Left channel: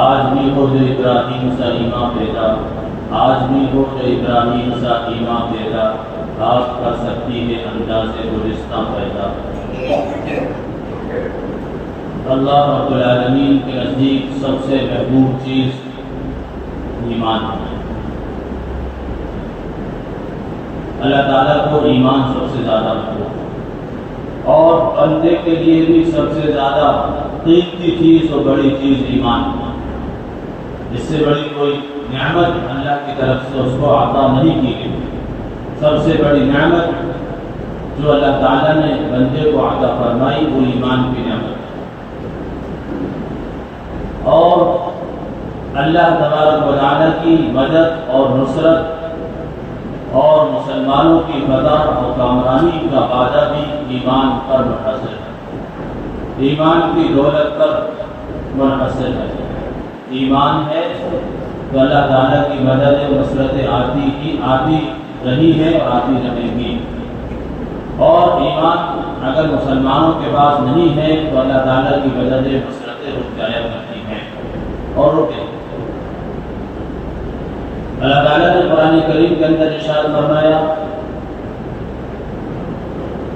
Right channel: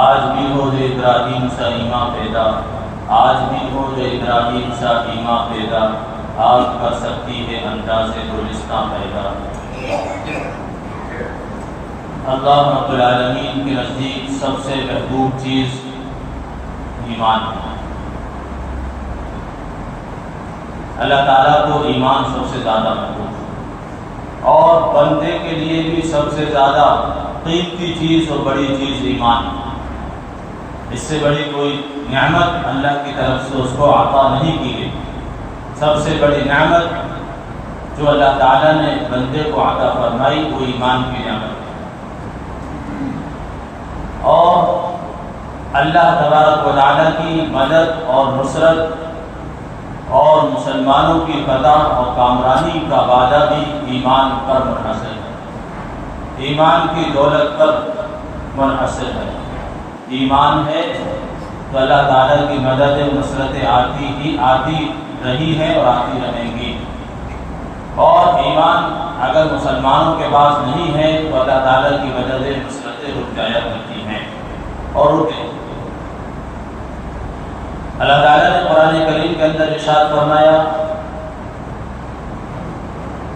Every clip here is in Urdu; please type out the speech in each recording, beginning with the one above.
آج بھی ہو جو ابراہیم سا ایمان پیدا، آج بھی ہو جو ابراہیم سا ایمان پیدا، آج کر سکتی ہے انداز گلستان پیدا۔ اللہ رب العالمین کے نزدیک سب سے محبوب چیز ایمان ہے۔ اللہ تعالیٰ کو ایمان سب سے زیادہ محبوب ہے، اور بندے کے لیے بھی سب سے زیادہ قیمتی چیز اور بڑی چیز ایمان ہے۔ اس سے بڑی کوئی نعمت اللہ کی طرف سے اس کو عطا نہیں کی گئی۔ سب سے بڑی نعمت جو اللہ تعالیٰ نے بندے کو عطا فرمائی وہ ایمان کی نعمت ہے۔ اور اللہ تبارک و تعالیٰ کی مدد اور نصرت اور مسلمانوں کی فتح اور کامرانی کا وعدہ بھی ایمان پر منحصر ہے، ایمان کی دولت پر منحصر ہے۔ ایمان ہے تو اللہ تعالیٰ کی مدد نصرتیں آتی رہی ہیں اور آتی رہیں گی، اور ایمان اگر مسلمانوں کے پاس نہیں ہے تو اللہ تعالیٰ کی مدد نصرتیں رک جایا کرتی ہیں اور رکے۔ اللہ تعالیٰ نے قرآن کریم کے اندر ارشاد فرمایا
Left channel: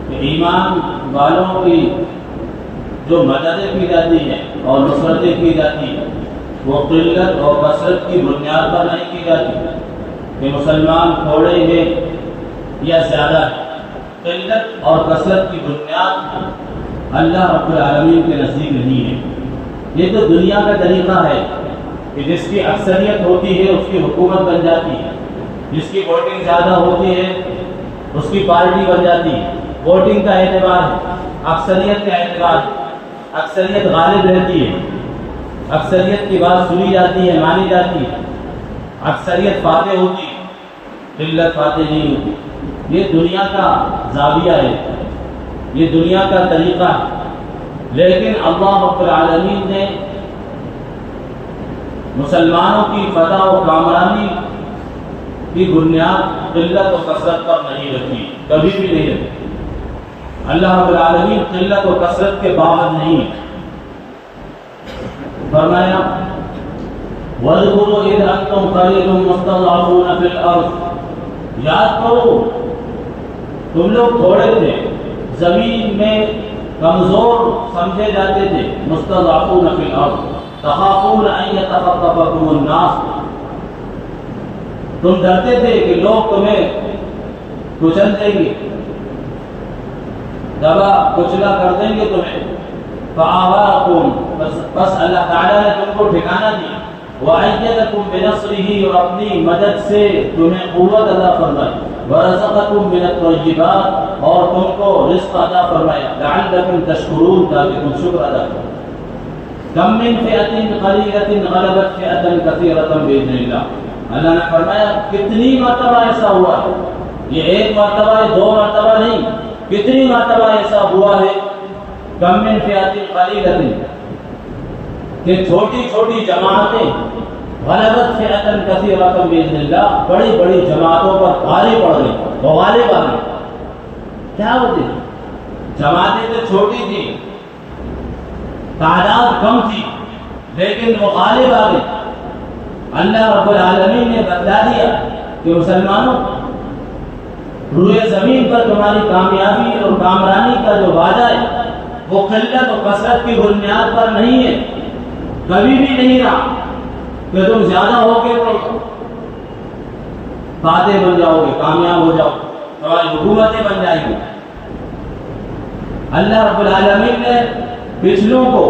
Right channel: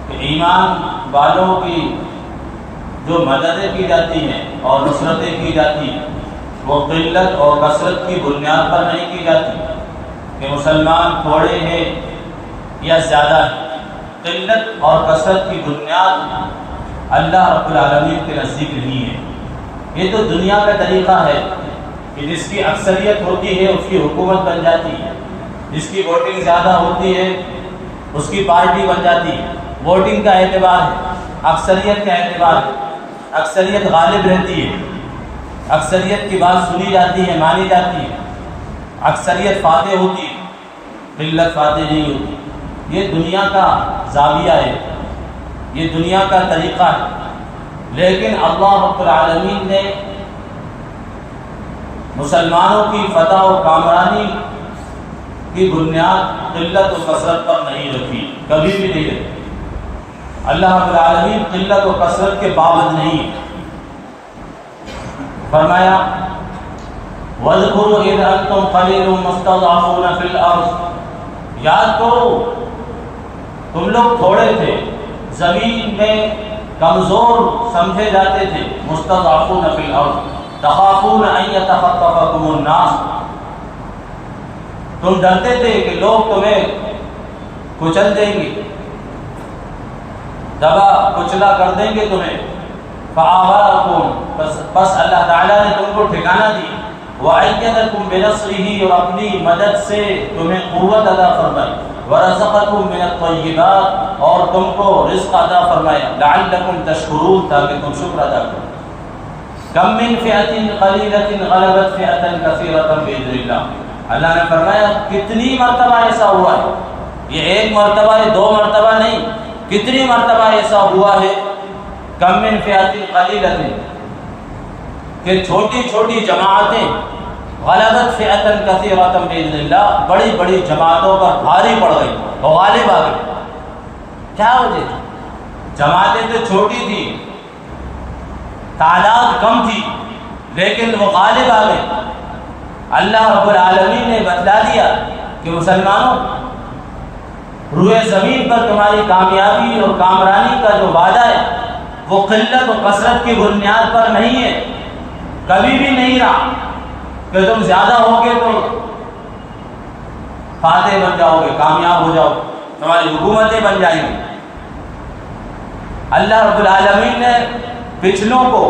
کہ ایمان والوں کی جو مددیں کی جاتی ہیں اور نصرتیں کی جاتی ہیں وہ قلت اور کثرت کی بنیاد پر نہیں کی جاتی کہ مسلمان تھوڑے ہیں یا زیادہ ہیں۔ قلت اور کثرت کی بنیاد اللہ رب العالمین کے نزدیک نہیں ہے۔ یہ تو دنیا کا طریقہ ہے کہ جس کی اکثریت ہوتی ہے اس کی حکومت بن جاتی ہے، جس کی ووٹنگ زیادہ ہوتی ہے اس کی پارٹی بن جاتی ہے۔ ووٹنگ کا اعتبار ہے، اکثریت کا اعتبار ہے، اکثریت غالب رہتی ہے، اکثریت کی بات سنی جاتی ہے، مانی جاتی ہے، اکثریت فاتح ہوتی ہے، قلت فاتح نہیں ہوتی۔ یہ دنیا کا زاویہ ہے، یہ دنیا کا طریقہ ہے، لیکن اللہ رب العالمین نے مسلمانوں کی فتح و کامرانی کی بنیاد قلت و کثرت پر نہیں رکھی، کبھی بھی نہیں رکھی۔ اللہ رب العالمین قلت و کثرت کے پابند نہیں۔ فرمایا وَاذْكُرُوا إِذْ أَنْتُمْ قَلِيلٌ مُسْتَضْعَفُونَ فِي الْأَرْضِ، یاد کرو تم لوگ تھوڑے تھے، زمین میں کمزور سمجھے جاتے تھے۔ مستضعفون فی الارض تخافون ان یتخطفکم الناس، تم ڈرتے تھے کہ لوگ تمہیں کچل دیں گے، دبا کچلا کر دیں گے تمہیں۔ فآوارکم، بس اللہ تعالیٰ نے تم کو ٹھکانہ دی۔ وَأَيَّدَكُمْ بِنَصْرِهِ، اور اپنی مدد سے تمہیں قوت عطا فرمائی۔ وَرَزَقَكُمْ مِنَ الطَّيِّبَاتِ، اور تم کو رزق عطا فرمایا۔ لَعَلَّكُمْ تَشْكُرُونَ، تاکہ تم شکر ادا کرو۔ کم من فئۃ قلیلۃ غلبت فئۃ کثیرۃ بإذن اللہ، اللہ نے فرمایا کتنی مرتبہ ایسا ہوا ہے، یہ ایک مرتبہ یہ دو مرتبہ نہیں، کتنی مرتبہ ایسا ہوا ہے۔ کم من فئۃ قلیلۃ، کہ چھوٹی چھوٹی جماعتیں غلبت فئۃ کثیرۃ بإذن اللہ، بڑی بڑی جماعتوں پر بھاری پڑ گئی، غالب آ گئی۔ کیا وجہ تھی؟ جماعتیں تو چھوٹی تھی، تعداد کم تھی، لیکن وہ غالب آ گئی۔ اللہ رب العالمین نے بتلا دیا کہ مسلمانوں، روئے زمین پر تمہاری کامیابی اور کامرانی کا جو وعدہ ہے وہ قلت و کثرت کی بنیاد پر نہیں ہے، کبھی بھی نہیں رہا کہ تم زیادہ ہوگے تو فاتح بن جاؤ گے، کامیاب ہو جاؤ، تمہاری حکومتیں بن جائیں گی۔ اللہ رب العالمین نے پچھلوں کو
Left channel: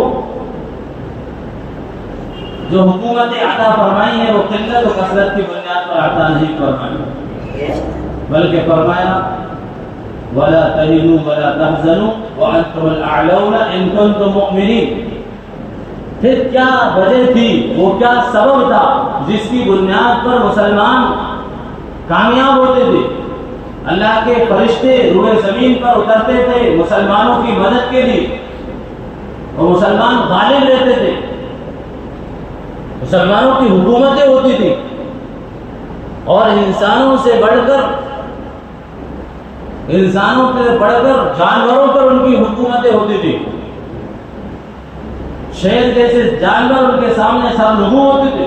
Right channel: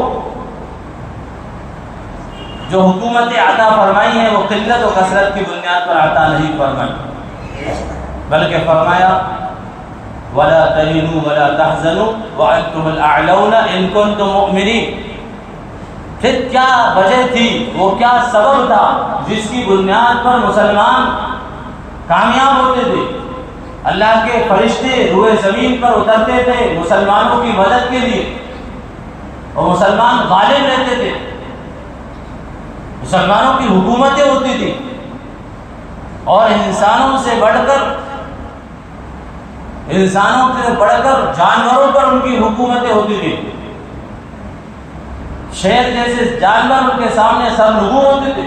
جو حکومتیں عطا فرمائی ہیں وہ قلت و کثرت کی بنیاد پر عطا نہیں فرمائی، بلکہ فرمایا وَلَا تَهِنُوا وَلَا تَحْزَنُوا وَأَنْتُمُ الْأَعْلَوْنَ إِن كُنتُم مُؤْمِنِينَ۔ پھر کیا وجہ تھی، وہ کیا سبب تھا جس کی بنیاد پر مسلمان کامیاب ہوتے تھے؟ اللہ کے فرشتے روئے زمین پر اترتے تھے مسلمانوں کی مدد کے لیے، اور مسلمان غالب رہتے تھے، مسلمانوں کی حکومتیں ہوتی تھی، اور انسانوں سے بڑھ کر جانوروں پر ان کی حکومتیں ہوتی تھی۔ شیر جیسے جانور ان کے سامنے سرنگو ہوتے تھے۔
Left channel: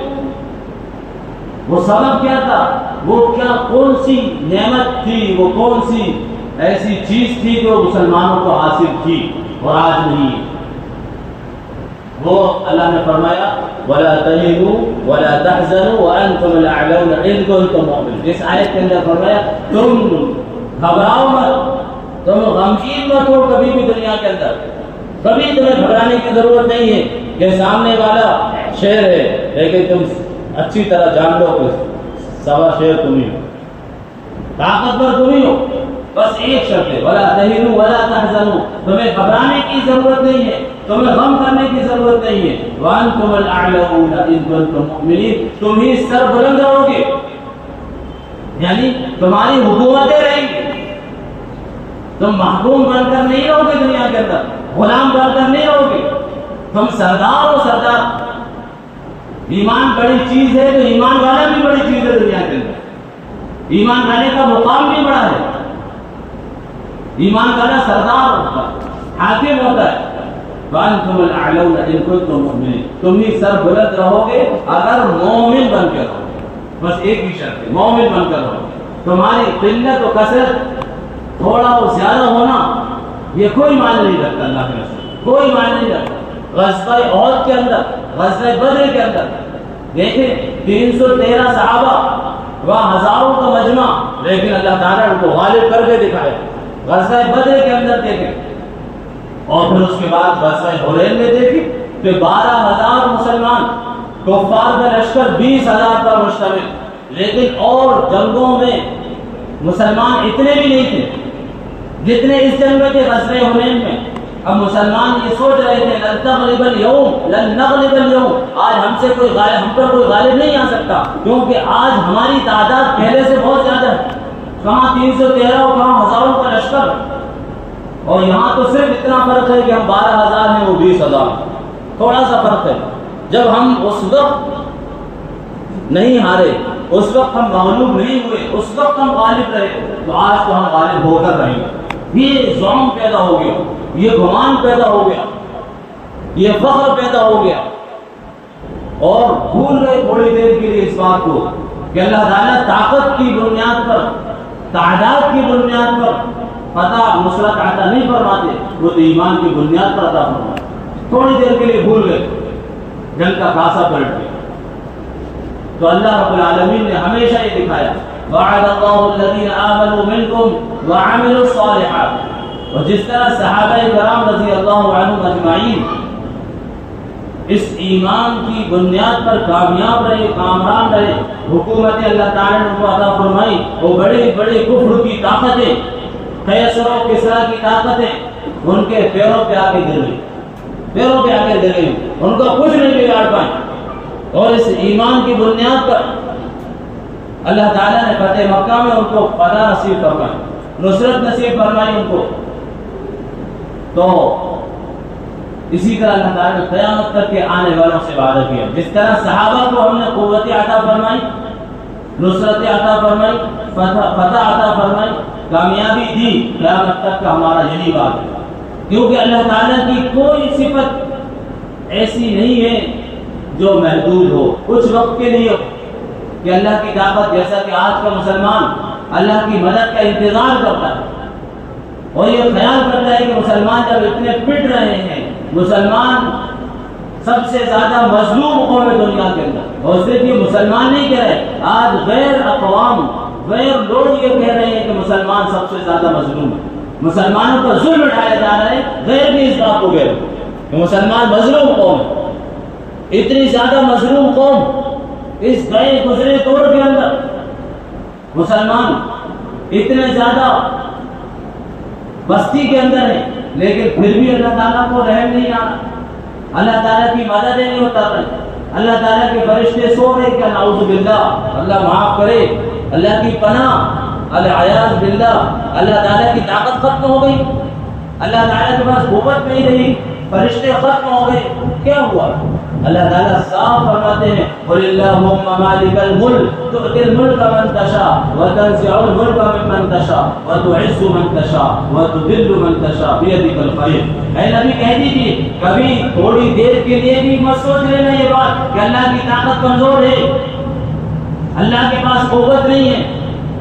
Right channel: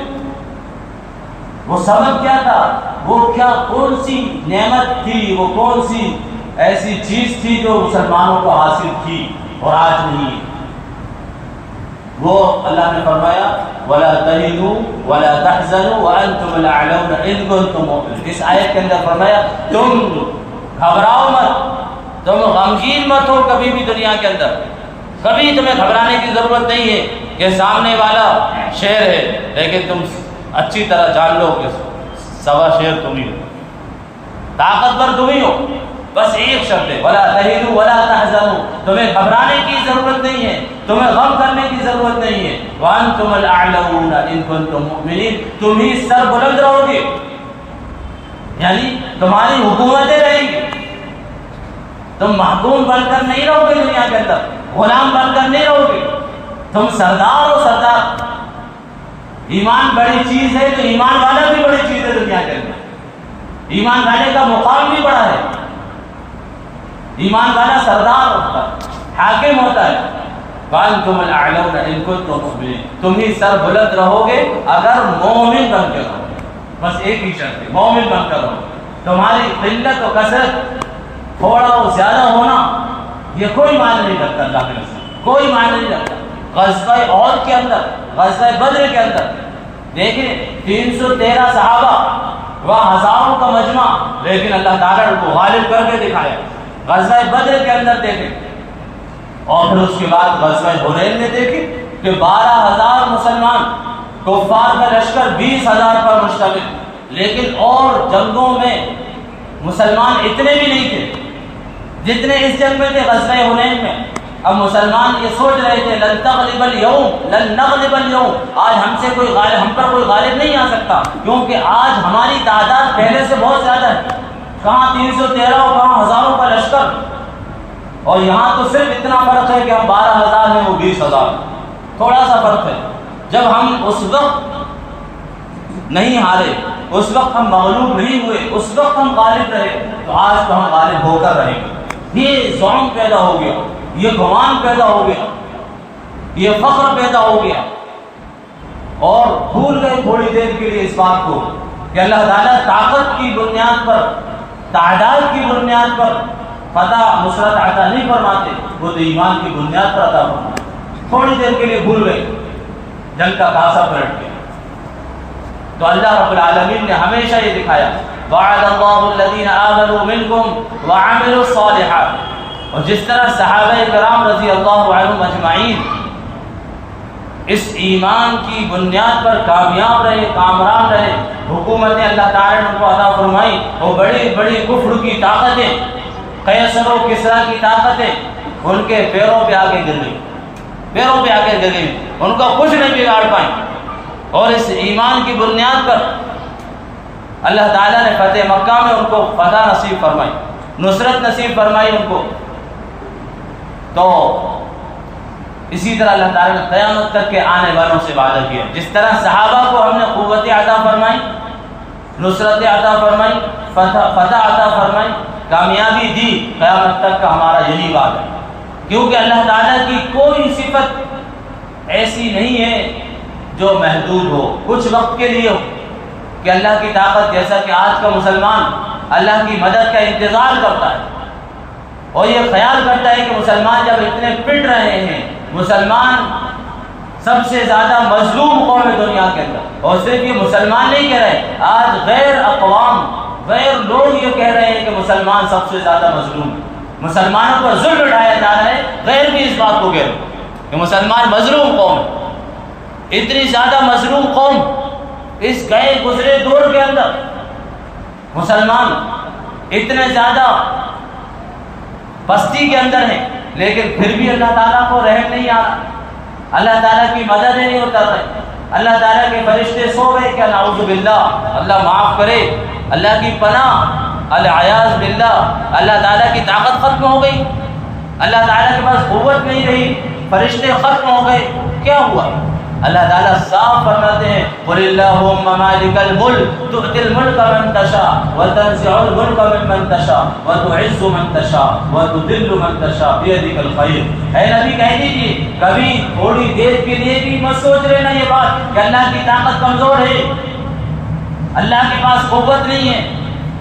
وہ سبب کیا تھا؟ وہ کون سی نعمت تھی، وہ کون سی ایسی چیز تھی جو مسلمانوں کو حاصل تھی اور آج نہیں ہے؟ وہ اللہ نے فرمایا وَلَا تَهِنُوا وَلَا تَحْزَنُوا وَأَنْتُمُ الْأَعْلَوْنَ إِن كُنتُم مُؤْمِنِينَ۔ اس آیت کے اندر فرمایا تم گھبراؤ مت، تم غمگین مت ہو کبھی بھی دنیا کے اندر، کبھی تمہیں گھبرانے کی ضرورت نہیں ہے کہ سامنے والا شیر ہے، لیکن تم اچھی طرح جان لو کہ سوا شیر تم ہی ہو، طاقتور تم ہی ہو۔ بس ایک شرط ہے وَلَا تَهِنُوا وَلَا تَحْزَنُوا، تمہیں گھبرانے کی ضرورت نہیں ہے، تمہیں غم کرنے کی ضرورت نہیں ہے۔ وَأَنْتُمُ الْأَعْلَوْنَ إِن كُنتُم مُؤْمِنِينَ، تم ہی سر بلند رہو گے، یعنی تمہاری حکومتیں رہیں گی، تم محکوم بن کر نہیں رہو گے دنیا کے اندر، غلام بن کر نہیں رہو گے، تم سردار ہو سردار۔ ایمان بڑی چیز ہے تو ایمان والا بھی بڑی چیز ہے دنیا کے اندر، ایمان والے کا مقام بھی بڑا ہے، ایمان والا سردار ہوتا ہے، حاکم ہوتا ہے۔ وَأَنْتُمُ الْأَعْلَوْنَ إِن كُنتُم مُؤْمِنِينَ، تم ہی سر بلند رہو گے اگر مومن بن کے رہو گے، بس ایک ہی شرط ہے مومن بن کر رہو۔ تمہاری قلت و کثرت، تھوڑا و زیادہ ہونا، یہ کوئی معنی نہیں رکھتا اللہ کے رسول، کوئی معنی نہیں رکھتا۔ غزوہ احد کے اندر، غزوہ بدر کے اندر دیکھیں 313 صحابہ و ہزاروں کا مجمع، لیکن اللہ تعالیٰ نے کو غالب کر کے دکھایا۔ غزوہ بدر کے اندر دیکھیں، اور پھر اس کے بعد غزوہ حنین میں دیکھیں کہ 12,000 مسلمان، کفار کا لشکر 20,000 پر مشتمل، لیکن اور جنگوں میں مسلمان اتنے بھی نہیں تھے جتنے اس جنگ میں تھے غزوہ حنین میں۔ اب مسلمان یہ سوچ رہے تھے لن تغلب اليوم لن نغلب اليوم، آج ہم پر کوئی غالب نہیں آ سکتا، کیونکہ آج ہماری تعداد پہلے سے بہت زیادہ ہے، کہاں 313 اور کہاں ہزاروں کا لشکر، اور یہاں تو صرف اتنا فرق ہے کہ ہم 12,000 ہیں وہ 20,000، تھوڑا سا فرق ہے۔ جب ہم اس وقت نہیں ہارے، اس وقت ہم مغلوب نہیں ہوئے، اس وقت ہم غالب رہے، تو آج تو ہم غالب ہو کر رہیں گے۔ یہ زعم پیدا ہو گیا، یہ گمان پیدا ہو گیا، یہ فخر پیدا ہو گیا، اور بھول گئے تھوڑی دیر کے لیے اس بات کو کہ اللہ تعالیٰ طاقت کی بنیاد پر، تعداد کی بنیاد پر فتح نصرت عطا نہیں فرماتے، وہ تو ایمان کی بنیاد پر عطا فرماتے۔ تھوڑی دیر کے لیے بھول گئے، جنگ کا کاسا پلٹ گیا۔ تو اللہ رب العالمین نے ہمیشہ یہ دکھایا وَعَدَ اللَّهُ الَّذِينَ آمَنُوا مِنكُمْ وَعَمِلُوا الصَّالِحَاتِ، اور جس طرح صحابہ کرام رضی اللہ عنہم اجمعین اس ایمان کی بنیاد پر کامیاب رہے، کامران رہے، حکومتیں اللہ تعالیٰ نے ان کو عطا فرمائی، وہ بڑی بڑی کفر کی طاقتیں، قیصر و کسریٰ کی طاقتیں ان کے پیروں پہ آ کے گر گئی، پیروں پہ آ کے گر گئی، ان کو کچھ نہیں بگاڑ پائیں۔ اور اس ایمان کی بنیاد پر اللہ تعالیٰ نے فتح مکہ میں ان کو فتح نصیب فرمائی، نصرت نصیب فرمائی ان کو۔ تو اسی طرح اللہ تعالیٰ نے قیامت تک کے آنے والوں سے وعدہ کیا، جس طرح صحابہ کو ہم نے قوت عطا فرمائی، نصرت عطا فرمائی، فتح عطا فرمائی، کامیابی دی، قیامت تک کا ہمارا یہی وعدہ ہے، کیونکہ اللہ تعالیٰ کی کوئی صفت ایسی نہیں ہے جو محدود ہو، کچھ وقت کے لیے ہو، کہ اللہ کی طاقت، جیسا کہ آج کا مسلمان اللہ کی مدد کا انتظار کرتا ہے اور یہ خیال کرتا ہے کہ مسلمان جب اتنے پٹ رہے ہیں، مسلمان سب سے زیادہ مظلوم قوم ہے دنیا کے اندر، اور صرف یہ مسلمان نہیں کہہ رہے، آج غیر اقوام، غیر لوگ یہ کہہ رہے ہیں کہ مسلمان سب سے زیادہ مظلوم ہے، مسلمانوں پر ظلم اٹھایا جا رہا ہے، غیر بھی اس بات کو کہہ رہے ہیں کہ مسلمان مظلوم قوم ہے۔ اتنی زیادہ مظلوم قوم اس گئے گزرے دور کے اندر، مسلمان اتنے زیادہ پستی کے اندر ہیں، لیکن پھر بھی اللہ تعالیٰ کو رحم نہیں آ رہا، اللہ تعالیٰ کی مدد نہیں اتر رہی، اللہ تعالیٰ کے فرشتے سو گئے کہ نعوذ باللہ، اللہ معاف کرے، اللہ کی پناہ، العیاذ باللہ، اللہ تعالیٰ کی طاقت ختم ہو گئی، اللہ تعالیٰ کے پاس قوت نہیں رہی، فرشتے ختم ہو گئے۔ کیا ہوا؟ اللہ تعالیٰ صاف فرماتے ہیں قل اللہم مالک الملک تؤتی الملک من تشاء وتنزع الملک ممن تشاء وتعز من تشاء وتذل من تشاء بیدک الخیر۔ اے نبی کہہ دیجیے کبھی تھوڑی دیر کے لیے بھی مت سوچ لینا یہ بات کہ اللہ کی طاقت کمزور ہے، اللہ کے پاس قوت نہیں ہے۔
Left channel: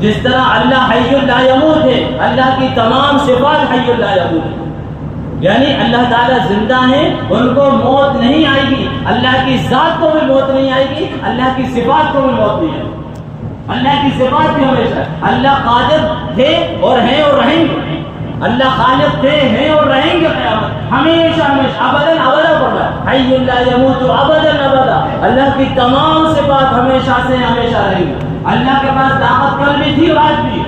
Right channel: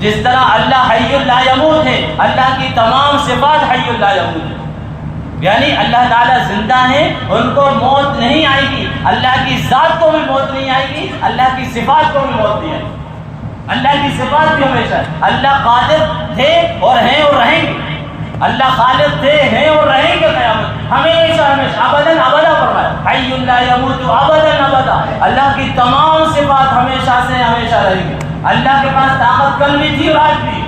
جس طرح اللہ حی لا یموت ہے، اللہ کی تمام صفات حی لا یموت ہے، یعنی اللہ تعالیٰ زندہ ہیں، ان کو موت نہیں آئے گی، اللہ کی ذات کو بھی موت نہیں آئے گی، اللہ کی صفات کو بھی موت نہیں آئے گی، اللہ کی صفات بھی ہمیشہ۔ اللہ قادر تھے اور ہیں اور رہیں گے، اللہ خالق تھے ہیں اور رہیں گے قیامت ہمیشہ ہمیشہ ابداً ابدا فرمایا حی لا یموت ابداً ابدا۔ اللہ کی تمام صفات ہمیشہ سے ہمیشہ رہیں گی۔ اللہ کے پاس طاقت کل بھی تھی اور آج بھی،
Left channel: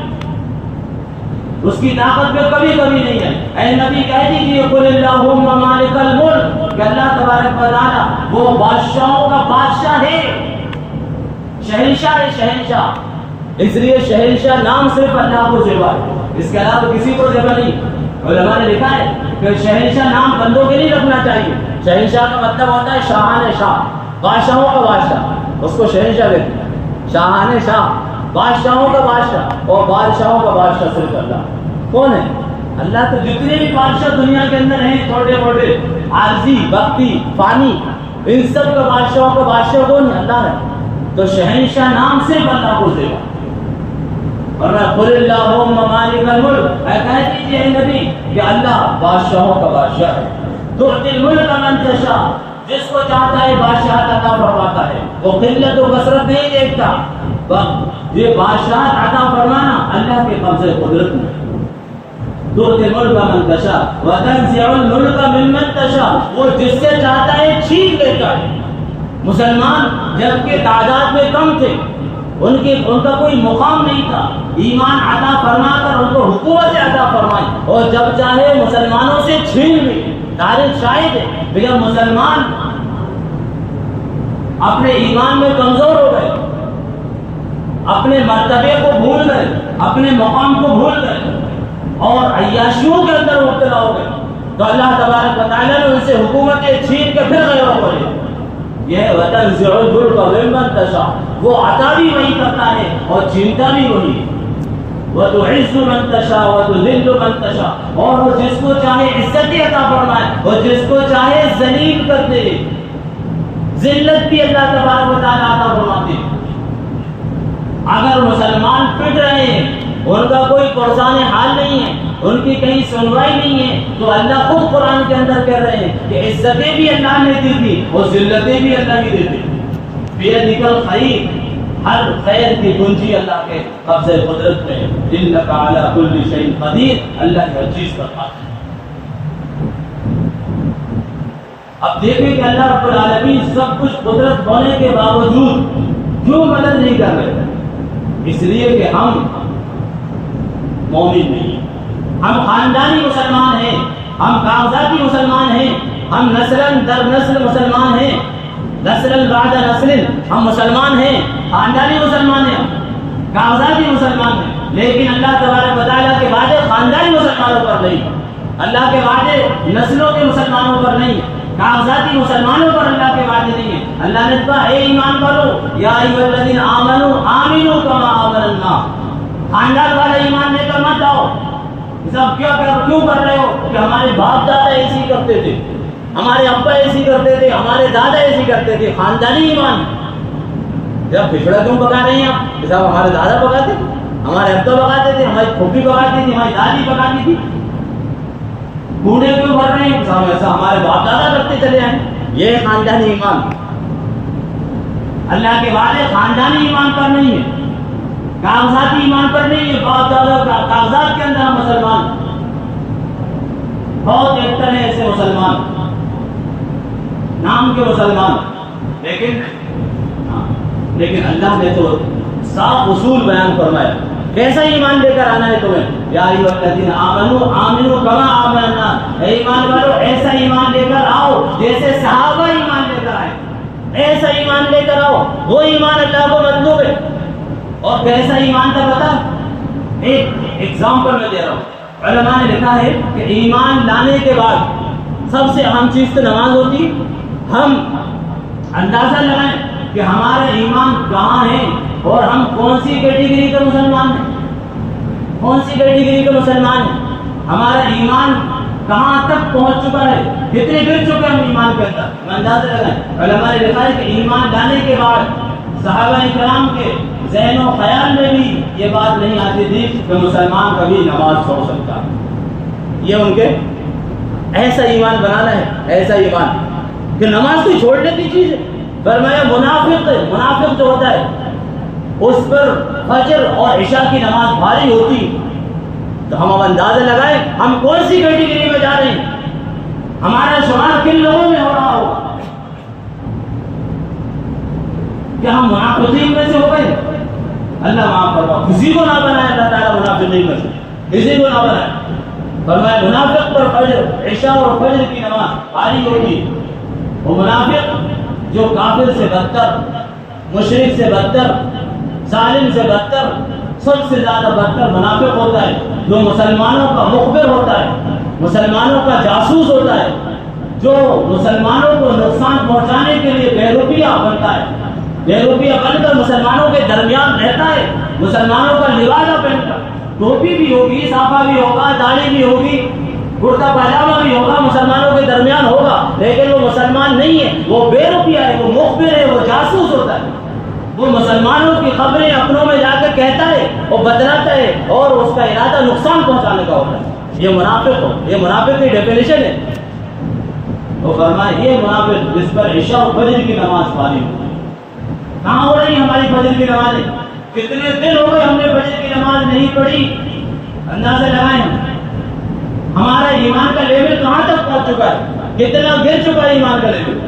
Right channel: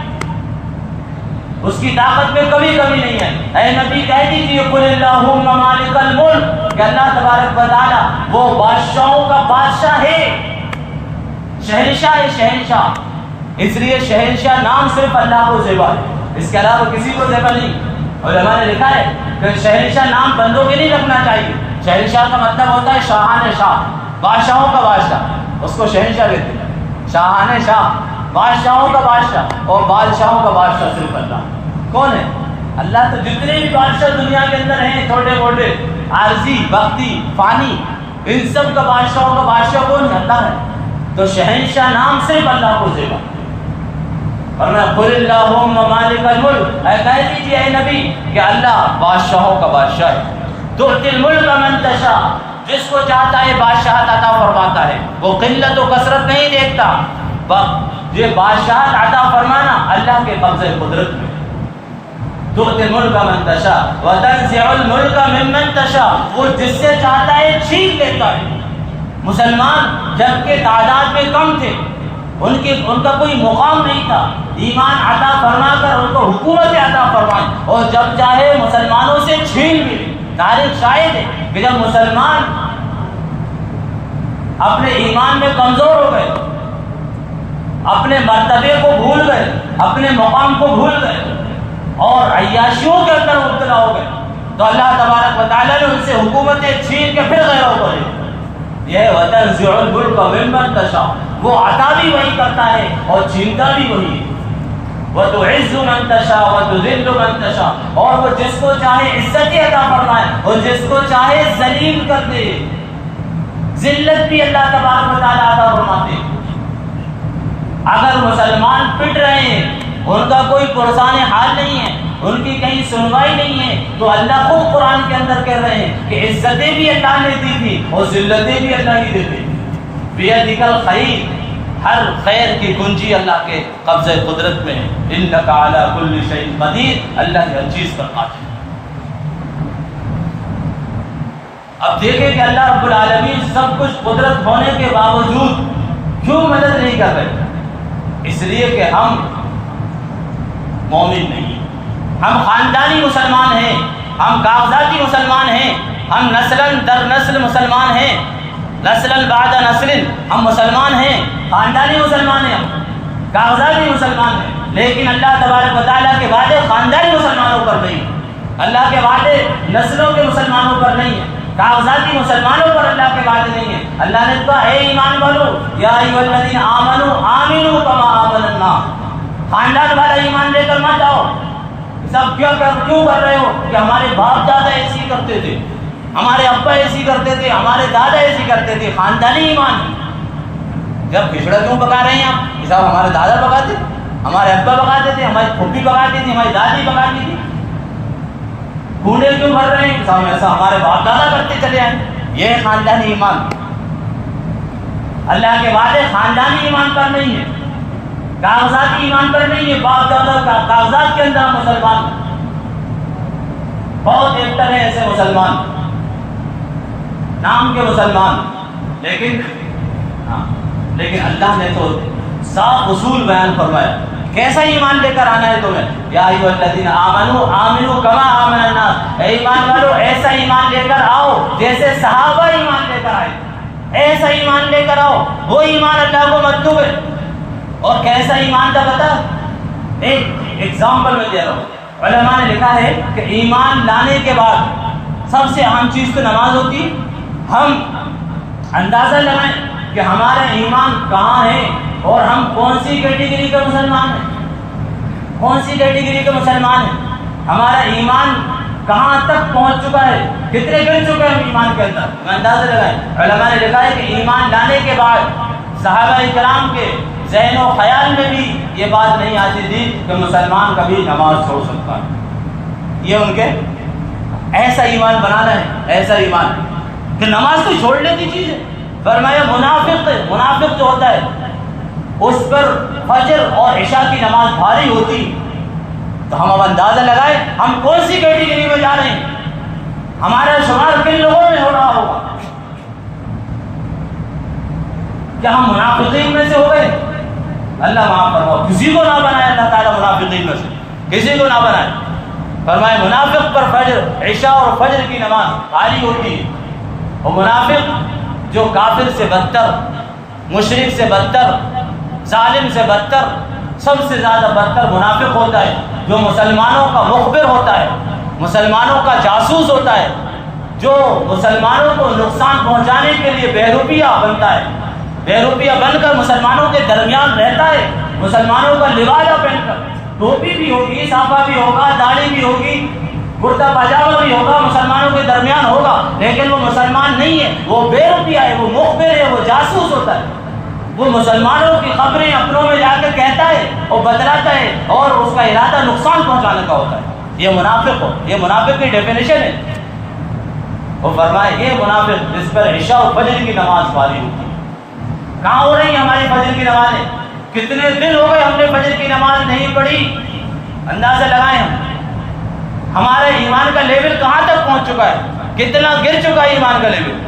اس کی طاقت میں کبھی کبھی نہیں آئی۔ اے نبی کہہ دیجیے قل اللہم مالک الملک کہ اللہ تبارک و تعالیٰ وہ بادشاہوں کا بادشاہ ہے، شہنشاہ ہے، شہنشاہ۔ اس لیے شہنشاہ نام صرف اللہ کو زیبا ہے، اس کے علاوہ کسی کو زیبا نہیں۔ علماء نے لکھا ہے کہ شہنشاہ نام بندوں کے نہیں رکھنا چاہیے، شہنشاہ کا مطلب ہوتا ہے شاہان شاہ، بادشاہوں کا بادشاہ، اس کو شہنشاہ کہتے ہیں، شاہان شاہ، بادشاہوں کا بادشاہ، اور بادشاہوں کا بادشاہ صرف اللہ۔ کون ہے؟ اللہ۔ تو جتنے بھی بادشاہ دنیا کے اندر ہیں چھوٹے موٹے، عارضی، وقتی، فانی، ان سب کا بادشاہوں کا بادشاہ کون ہے؟ اللہ ہے۔ تو شہنشاہ نام صرف اللہ کو زیبا۔ فرمایا قل اللہم مالک الملک، کہہ دیجیے اے نبی کہ اللہ بادشاہوں کا بادشاہ ہے۔ تؤتی الملک من تشاء، جس کو چاہتا ہے بادشاہت عطا فرماتا ہے، وہ قلت و کثرت نہیں دیکھتا۔ یہ بادشاہت عطا فرمانا اللہ کے قبضے قدرت میں۔ تؤتی الملک من تشاء وتنزع الملک ممن تشاء، وہ جس سے چاہتا ہے چھین لیتا ہے۔ مسلمان جبکہ تعداد میں کم تھے، ان کا کوئی مقام نہیں تھا، ایمان عطا فرما کر ان کو حکومت عطا فرمائی، اور جب چاہے مسلمانوں سے چھین بھی۔ تاریخ شاہد ہے کہ جب مسلمان اپنے ایمان میں کمزور ہو گئے، اپنے مرتبے کو بھول گئے، اپنے مقام کو بھول گئے اور عیاشیوں کے اندر مبتلا ہو گئے، تو اللہ تبارک و تعالیٰ نے ان سے حکومتیں چھین کے پھر غیر ہو گئے۔ یہ وتنزع الملک ممن تشاء، وہ عطا بھی وہی کرتا ہے اور چھینتا بھی وہی ہے۔ وتعز من تشاء وتذل من تشاء، اور وہ جس کو چاہے عزت عطا فرمائے اور جس کو چاہے ذلیل کر دے۔ ذلت بھی اللہ تبارک و تعالیٰ عطا فرماتے ہیں۔ اگر مسلمان پٹ رہے ہیں، ان کا کوئی پرسان حال نہیں ہے، ان کی کہیں سنوائی نہیں ہے، تو اللہ خود قرآن کے اندر کہہ رہے ہیں کہ عزتیں بھی اللہ نے دی تھی اور ذلتیں بھی اللہ ہی دیتے۔ بیدک الخیر، ہر خیر کی کنجی اللہ کے قبضہ قدرت میں ہے۔ انک علی کل شیء قدیر، اللہ ہر چیز پر قادر۔ اب دیکھیں کہ اللہ رب العالمین سب کچھ قدرت ہونے کے باوجود کیوں مدد نہیں کر رہے؟ اس لیے کہ ہم مومن نہیں، ہم خاندانی مسلمان ہیں، ہم کاغذاتی مسلمان ہیں، ہم نسلاً در نسل مسلمان ہیں، نسلاً بعد نسل ہم مسلمان ہیں، خاندانی مسلمان ہیں، کاغذاتی مسلمان ہیں، لیکن اللہ تبارک و تعالیٰ کے وعدے خاندانی مسلمانوں پر نہیں، اللہ کے وعدے نسلوں کے مسلمانوں پر نہیں ہیں، کاغذاتی مسلمانوں پر اللہ کے وعدے نہیں ہیں۔ اللہ نے کہا اے ایمان والو یا ایھا الذین آمنوا آمنوا کما آمن الناس، خاندان والا ایمان لے کر مت آؤ۔ سب کیوں کر رہے ہو کہ ہمارے باپ دادا ایسی کرتے تھے، ہمارے ابا ایسی کرتے تھے، ہمارے دادا ایسی کرتے تھے، خاندانی ایمان۔ جب کھچڑا کیوں پکا رہے ہیں آپ؟ صاحب ہمارے دادا پکاتے تھے، ہمارے ابا پکاتے تھے، ہماری پھوپھی پکاتی تھی، ہماری دادی پکاتی تھی۔ گھوڑے کیوں بھر رہے ہیں؟ صاحب ایسا ہمارے باپ دادا کرتے چلے آئے۔ یہ خاندانی ایمان، اللہ کے وعدے خاندانی ایمان پر نہیں ہے، کاغذاتی ایمان پر نہیں ہے۔ باپ دادا کا کاغذات کے اندر ہم مسلمان، بہت ایکٹر ہیں ایسے مسلمان، نام کے مسلمان، لیکن اللہ نے تو صاف اصول بیان فرمایا کیسا ایمان لے کر آنا ہے تمہیں۔ یا ایھا الذین آمنوا آمنوا کما آمن الناس، اے ایمان والو ایسا ایمان لے کر آؤ جیسے صحابہ ایمان لے کر آئے، ایسا ایمان لے کر آؤ۔ وہ ایمان اللہ کو مطلوب ہے۔ اور کیسا ایمان تھا بتا، ایک ایگزامپل میں دے رہا ہوں۔ علماء نے لکھا ہے کہ ایمان لانے کے بعد سب سے اہم چیز تو نماز ہوتی ہے۔ ہم اندازہ لگائیں کہ ہمارا ایمان کہاں ہے اور ہم کون سی کیٹیگری کا مسلمان ہیں، کون سی کیٹیگری کا مسلمان ہیں، ہمارا ایمان کہاں تک پہنچ چکا ہے، کتنے گر چکے ہیں ہم ایمان کے اندر، اندازہ لگائیں۔ علماء نے لکھا ہے کہ ایمان لانے کے بعد صحابہ کرام کے ذہن و خیال میں بھی یہ بات نہیں آتی تھی کہ مسلمان کبھی نماز چھوڑ سکتا ہے۔ یہ ان کے ایسا ایمان بنانا ہے، ایسا ایمان کہ نماز کوئی چھوڑنے کی چیز ہے۔ فرمایا منافق جو ہوتا ہے اس پر فجر اور عشاء کی نماز بھاری ہوتی، تو ہم اندازہ لگائیں ہم کون سی کیٹیگری میں جا رہے ہیں، ہمارا شمار کن لوگوں میں ہو رہا ہوگا؟ کیا ہم منافقین میں سے ہو گئے؟ اللہ معاف فرماؤ، کسی کو نہ بنائے اللہ تعالیٰ منافقین میں سے، کسی کو نہ بنائے۔ فرمایا منافق پر فجر عشاء اور فجر کی نماز بھاری ہوتی ہے، اور منافق جو کافر سے بدتر، مشرک سے بدتر، ظالم سے بدتر، سب سے زیادہ بدتر منافق ہوتا ہے، جو مسلمانوں کا مخبر ہوتا ہے، مسلمانوں کا جاسوس ہوتا ہے، جو مسلمانوں کو نقصان پہنچانے کے لیے بہروپیہ بنتا ہے، بہروپیہ بن کر مسلمانوں کے درمیان رہتا ہے، مسلمانوں کا لبادہ پہن کر، ٹوپی بھی ہوگی، صافہ بھی ہوگا، داڑھی بھی ہوگی، کرتا پاجامہ بھی ہوگا، مسلمانوں کے درمیان ہوگا، لیکن وہ مسلمان نہیں ہے، وہ بے روپیہ ہے، وہ مخبر ہے، وہ جاسوس ہوتا ہے، وہ مسلمانوں کی خبریں اپنوں میں جا کے کہتا ہے اور بتلاتا ہے، اور اس کا ارادہ نقصان پہنچانے کا ہوتا ہے۔ یہ منافق ہو، یہ منافق کی ڈیفینیشن ہے۔ وہ فرمائے یہ منافق جس پر عشاء و فجر کی نماز بھاری ہوتی ہے۔ کہاں ہو رہی ہیں ہماری فجر کی نمازیں؟ کتنے دن ہو گئے ہم نے فجر کی نماز نہیں پڑھی؟ اندازہ لگائیں ہمارا ایمان کا لیول کہاں تک پہنچ چکا ہے، کتنا گر چکا ہے ایمان کا لیول۔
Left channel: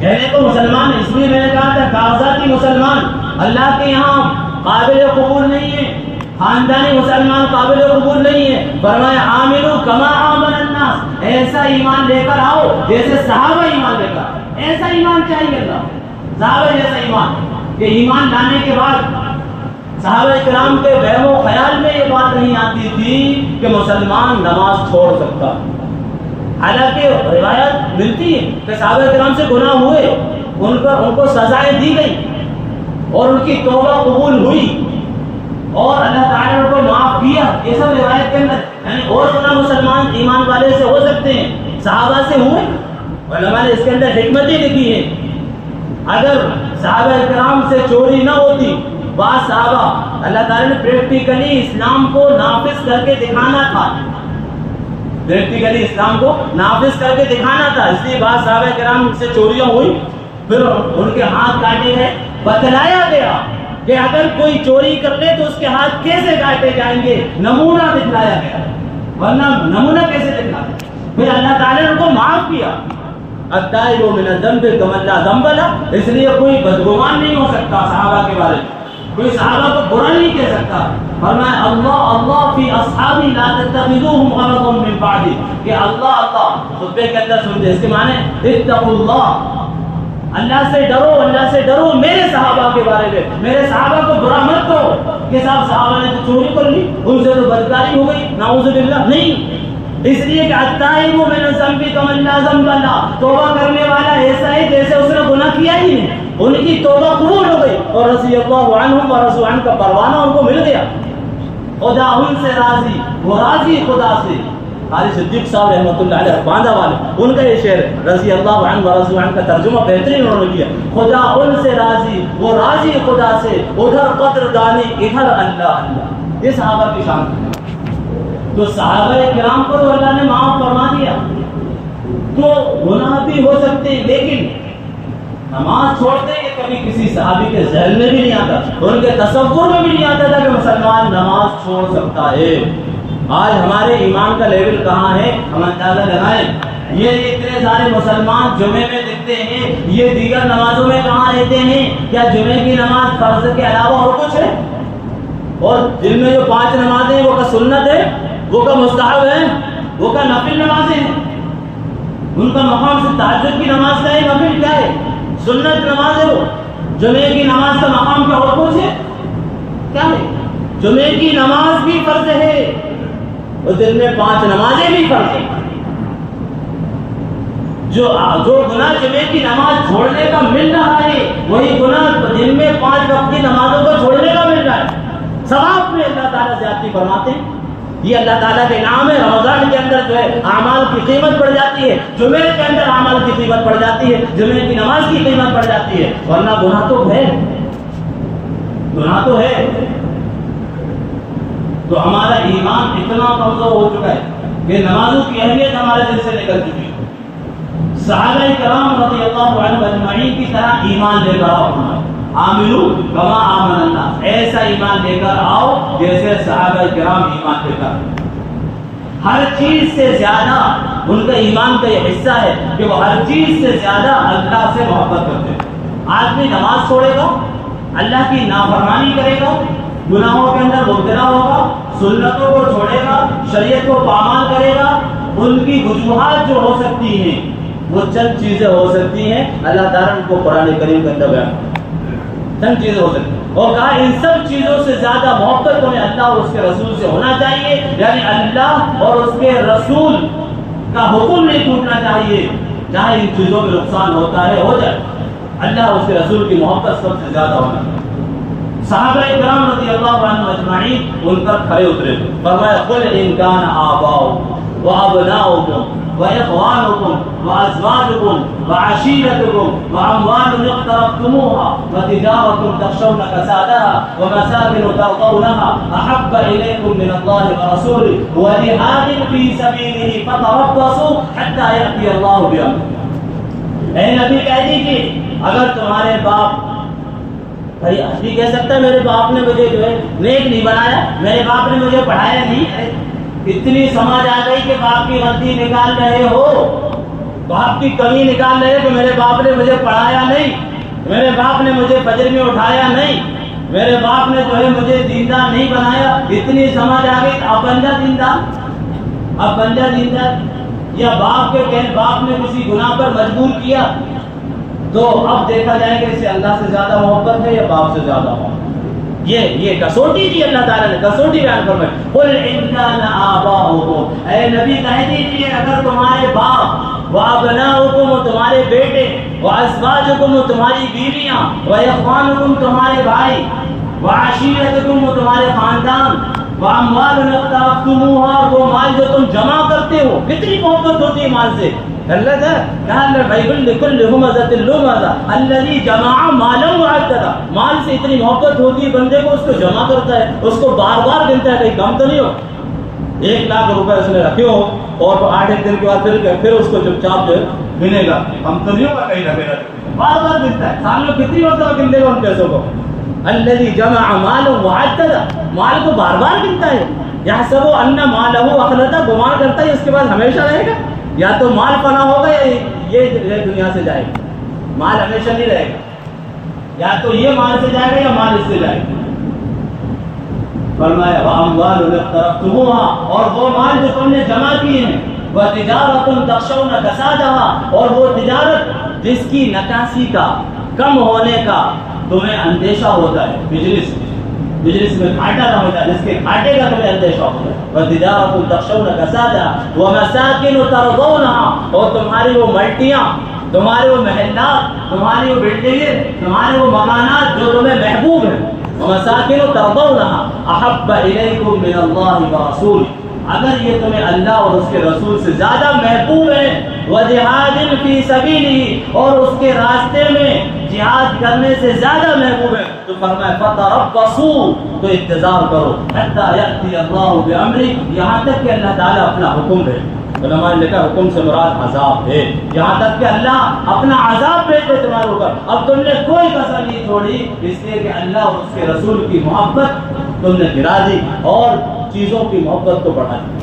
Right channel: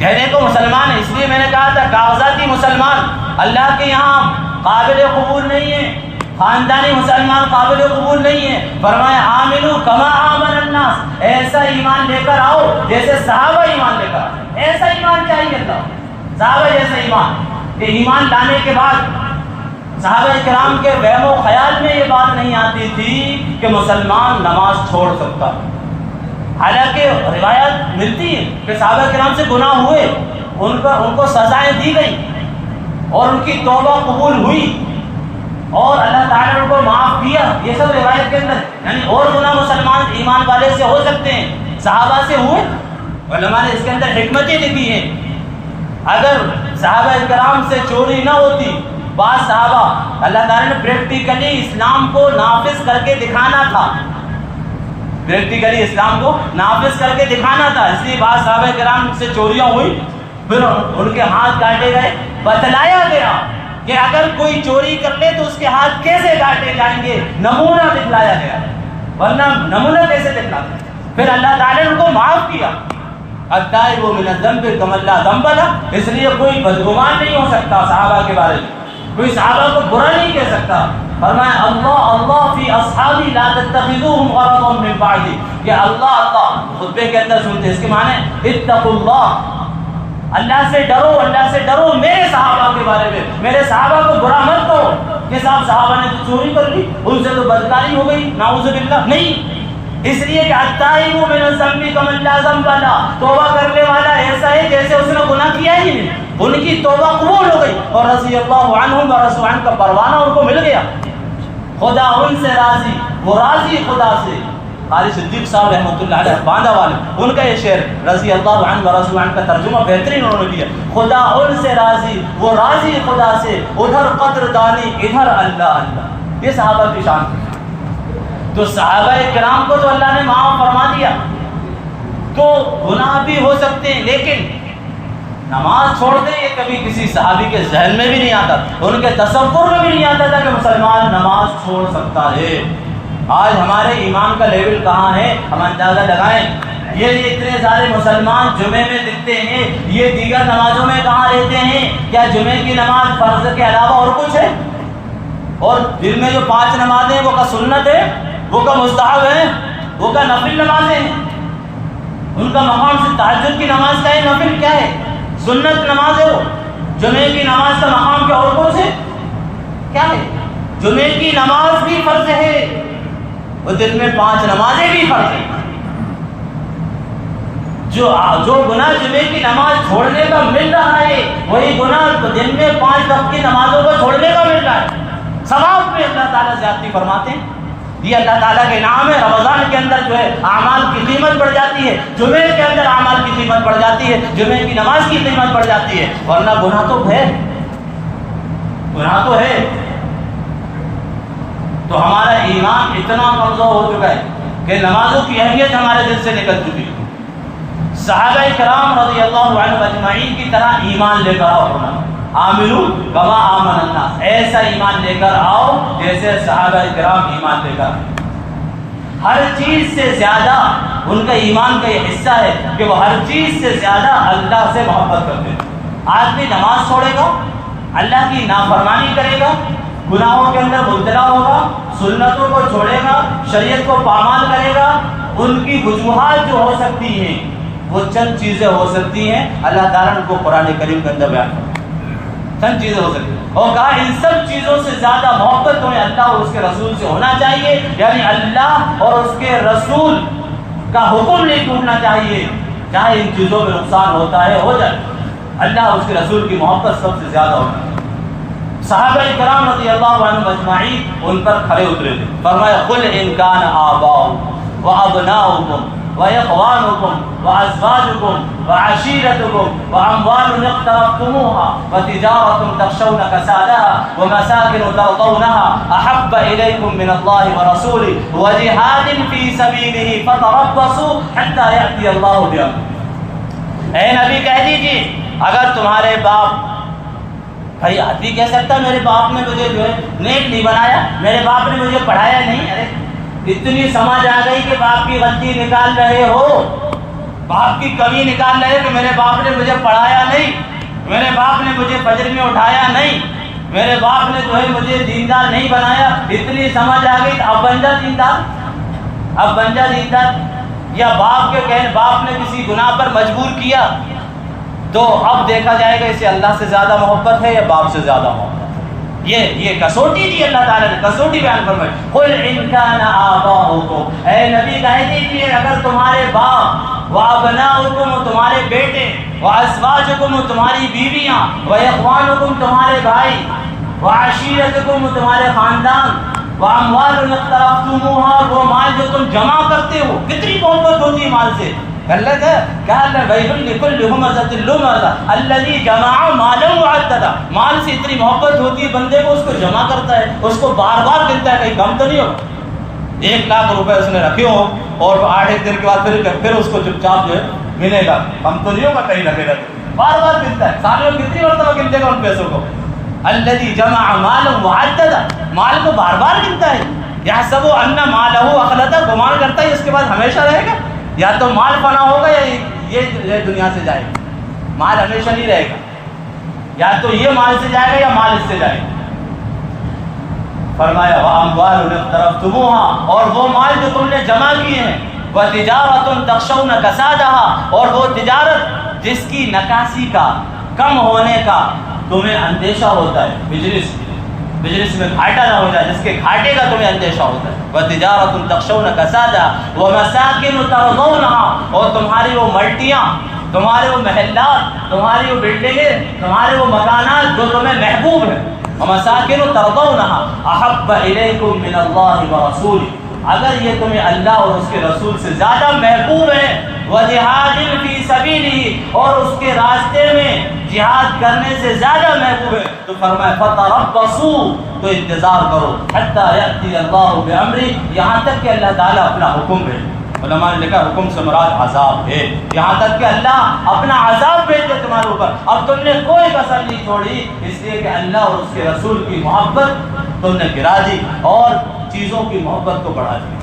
کہنے کو مسلمان ہے، اس لیے میں نے کہا تھا کاغذاتی مسلمان اللہ کے یہاں قابل قبول نہیں ہے، خاندانی مسلمان قابل قبول نہیں ہے۔ فرمایا آمنو کما آمن الناس، ایسا ایمان لے کر آؤ جیسے صحابہ ایمان لے کر آئے، ایسا ایمان چاہیے اللہ، صحابہ جیسا ایمان۔ کہ ایمان لانے کے بعد صحابہ کرام کے وہم و خیال میں یہ بات نہیں آتی تھی کہ مسلمان نماز چھوڑ سکتا، حالانکہ روایت ملتی ہے کہ صحابہ کرام سے گناہ ہوئے، ان کو سزائیں دی گئیں اور ان کی توبہ قبول ہوئی اور اللہ تعالیٰ نے ان کو معاف کیا، یہ سب روایت کے اندر، یعنی اور گناہ مسلمان ایمان والے سے ہو سکتے ہیں، صحابہ سے ہوئے۔ علماء نے اس کے اندر حکمتیں لکھی ہیں، اگر صحابہ کرام سے چوری نہ ہوتی، بعض صحابہ اللہ تعالیٰ نے پریکٹیکلی اسلام کو نافذ کر کے دکھانا تھا، پریکٹیکلی اسلام کو نافذ کر کے دکھانا تھا، اس لیے بعض صحابہ کرام سے چوریاں ہوئی، پھر ان کے ہاتھ کاٹے گئے، بتلایا گیا کہ اگر کوئی چوری کر لے تو اس کے ہاتھ کیسے کاٹے جائیں گے، نمونہ دکھلایا گیا، ورنہ نمونہ کیسے دکھلاتے؟ پھر اللہ تعالیٰ نے ان کو معاف کیا۔ التائب من الذنب کمن لا ذنب لہ، اس لیے کوئی بدگمان نہیں ہو سکتا صحابہ کے بارے میں، کوئی صحابہ کو برا نہیں کہہ سکتا۔ فرمایا اللہ فی اصحابی لا تتخذوهم غرضا من بعدی، کہ اللہ خطبے کے اندر سنتے، اس کے معنی اتقوا اللہ، اللہ سے ڈرو، اللہ سے ڈرو میرے صحابہ کے بارے میں، میرے صحابہ کو برا مت کہو کہ صاحب صحابہ نے تو چوری کر لی، ان سے تو بدکاری ہو گئی، نعوذ باللہ، نہیں، اس لیے کہ التائب من الذنب کمن لا ذنب لہ، توبہ کرنے والا ایسا ہے جیسے اس نے گناہ کیا ہی نہیں، ان کی توبہ قبول ہو گئی اور رضی اللہ عنہم ورضوا عنہ کا پروانہ ان کو مل گیا، خدا ان سے راضی، وہ راضی خدا سے۔ قاری صدیق صاحب رحمۃ اللہ علیہ باندھا والے، ان کا یہ شعر رضی اللہ عنہ ورضوا عنہ کا ترجمہ بہترین انہوں نے کیا، خدا ان سے راضی، وہ راضی خدا سے، ادھر قدر دانی ادھر اللہ اللہ، یہ صحابہ کی شان تھی۔ تو صحابہ کرام کو تو اللہ نے معاف فرما دیا، تو گناہ بھی ہو سکتے ہیں، لیکن نماز چھوڑتے یہ کبھی کسی صحابی کے ذہن میں بھی نہیں آتا، ان کے تصور میں بھی نہیں آتا تھا کہ مسلمان نماز چھوڑ سکتا ہے۔ آج ہمارے ایمان کا لیول کہاں ہے، ہم اندازہ لگائیں۔ یہ اتنے سارے مسلمان جمعے میں دکھتے ہیں، یہ دیگر نمازوں میں کہاں رہتے ہیں؟ کیا جمعے کی نماز فرض کے علاوہ اور کچھ ہے؟ اور دل میں جو 5 نمازیں ہیں وہ کا سنت ہے، وہ کا مستحب ہے، وہ کا نفل نمازیں ہیں، ان کا مقام سے تہجد کی نماز کا ہے، نفل کیا ہے؟ سنت نماز ہے۔ وہ جمعے کی نماز کا مقام کیا اور کچھ ہے؟ کیا ہے؟ جمعے کی نماز بھی فرض ہے اور دن میں 5 نمازیں بھی فرض ہیں۔ جو گناہ جمعے کی نماز چھوڑنے کا مل رہا ہے وہی گناہ دن میں 5 وقت کی نمازوں کو چھوڑنے کا مل رہا ہے. ثواب میں اللہ تعالیٰ زیادتی فرماتے ہیں. یہ اللہ تعالیٰ کے نام ہے. رمضان کے اندر جو ہے اعمال کی قیمت بڑھ جاتی ہے, جمعے کے اندر اعمال کی قیمت بڑھ جاتی ہے, جمعے کی نماز کی قیمت بڑھ جاتی ہے. ورنہ گناہ تو ہے, گناہ تو ہے. تو ہمارا ایمان اتنا کمزور ہو چکا ہے کہ نمازوں کی اہمیت ہمارے دل سے نکل چکی ہے. صحابہ کرام رضی اللہ عنہم اجمعین کی طرح ایمان لے کر آؤ. آمنو کما آمن الناس, ایسا ایمان لے کر آؤ جیسے صحابہ کرام ایمان لے کر. ہر چیز سے زیادہ ان کا ایمان کا یہ حصہ ہے کہ وہ ہر چیز سے زیادہ اللہ سے محبت کرتے ہیں. آدمی نماز چھوڑے گا, اللہ کی نافرمانی کرے گا, گناہوں کے اندر مبتلا ہوگا, سنتوں کو چھوڑے گا, شریعت کو پامال کرے گا. ان کی وجوہات جو ہو سکتی ہیں وہ چند چیزیں ہو سکتی ہیں. اللہ تعالیٰ نے ان کو قرآن کریم کے اندر بیان کرا, چند چیزیں ہو سکتی ہیں. اور کہا ان سب چیزوں سے زیادہ محبت تمہیں اللہ اور اس کے رسول سے ہونا چاہیے. یعنی اللہ اور اس کے رسول کا حکم نہیں ٹوٹنا چاہیے. چاہے ان چیزوں میں نقصان ہوتا ہے ہو جائے, اللہ اور اس کے رسول کی محبت سب سے زیادہ ہونا چاہیے. صحابہ کرام رضی اللہ عنہم اجمعین ان پر کھڑے اترے تھے. فرمایا قل ان کان آباؤکم وابناؤکم وإخوانكم وأزواجكم وعشيرتكم وأموال اقترفتموها وتجارة تخشون كسادها ومساكن ترضونها أحب إليكم من الله ورسوله وجهاد في سبيله فتربصوا حتى يأتي الله بأمره. اے نبی کہہ دیجیے اگر تمہارے باپ, بھائی آدمی کہہ سکتا ہے میرے باپ نے مجھے جو ہے نیک نہیں بنایا, میرے باپ نے مجھے پڑھایا نہیں. اتنی سمجھ آ گئی کہ باپ کی غلطی نکال رہے ہو, باپ کی کمی نکال رہے ہو کہ میرے باپ نے مجھے پڑھایا نہیں, میرے باپ نے مجھے فجر میں اٹھایا نہیں, میرے باپ نے جو ہے مجھے دیندار نہیں بنایا. اتنی سمجھ آ گئی اب بن جا دیندار, اب بن جا دیندار. یا باپ کے کہنے باپ نے کسی گناہ پر مجبور کیا تو اب دیکھا جائے گا اسے اللہ سے زیادہ محبت ہے یا باپ سے زیادہ محبت. یہ کسوٹی دی اللہ تعالیٰ نے, کسوٹی بیان فرمائی. قل ان کان آباؤکم, اے نبی کہہ دیجیے اگر تمہارے باپ, وابناؤکم تمہارے بیٹے, وازواجکم تمہاری بیویاں, واخوانکم تمہارے بھائی, وعشیرتکم تمہارے خاندان, واموال اقترفتموها وہ مال جو تم جمع کرتے ہو. کتنی محبت ہوتی ہے مال سے. اللہ کا ویل لکل ہمزۃ لمزہ الذی جمع مالا وعددا. مال سے اتنی محبت ہوتی ہے بندے کو, اس کو جمع کرتا ہے, اس کو بار بار گنتا ہے, کہیں کم تو نہیں ہو. 1 لاکھ روپے اس نے رکھے ہو اور 8 دن کے بعد پھر اس کو چپ چاپ جو ہے گنے گا, کم تو نہیں ہوگا کہیں رکھے رکھے, بار بار گنتا ہے. سال میں کتنی مرتبہ گن دے گا ان پیسوں کو. الذی جمع مالا وعددا, مال کو بار بار گنتا ہے. یحسب ان مالہ اخلدا, گمان کرتا ہے اس کے بعد ہمیشہ رہے گا. یا تو مال فنا ہوگا یا یہ دنیا سے جائے گا. مال ہمیشہ نہیں رہے گا, یا تو یہ مال سے جائے گا یا مال اس سے جائے گا. فرمایا واموال اقترفتموها, اور وہ مال جو تم نے جمع کیے ہیں, وتجارۃ تخشون کسادها, اور وہ تجارت جس کی نکاسی کا, کم ہونے کا تمہیں اندیشہ ہوتا ہے. بزنس میں گھاٹا نہ ہو جائے, جس کے گھاٹے کا تمہیں اندیشہ ہوتا ہے. وتجارۃ تخشون کسادها ومساکن ترضونها, اور تمہاری وہ ملٹیاں, تمہارے وہ محلات, تمہاری وہ بلڈنگیں, تمہارے وہ مکانات جو تمہیں محبوب ہیں. ومساکن ترضونها احب الیکم من اللہ ورسولہ, اگر یہ تمہیں اللہ اور اس کے رسول سے زیادہ محبوب ہے. وجہاد فی سبیلہ, اور اس کے راستے میں جہاد کرنے سے زیادہ محبوب ہے, تو فرمایا فتربصوا, تو انتظار کرو, حتی یأتی اللہ بامرہ, یہاں تک کہ اللہ تعالیٰ اپنا حکم دے. علماء نے لکھا حکم سے مراد عذاب ہے, یہاں تک کہ اللہ اپنا عذاب بھیج دے تمہارے اوپر. اب تم نے کوئی کسر نہیں چھوڑی, اس لیے کہ اللہ اور اس کے رسول کی محبت تم نے گرا دی اور چیزوں کی محبت کو بڑھا دی.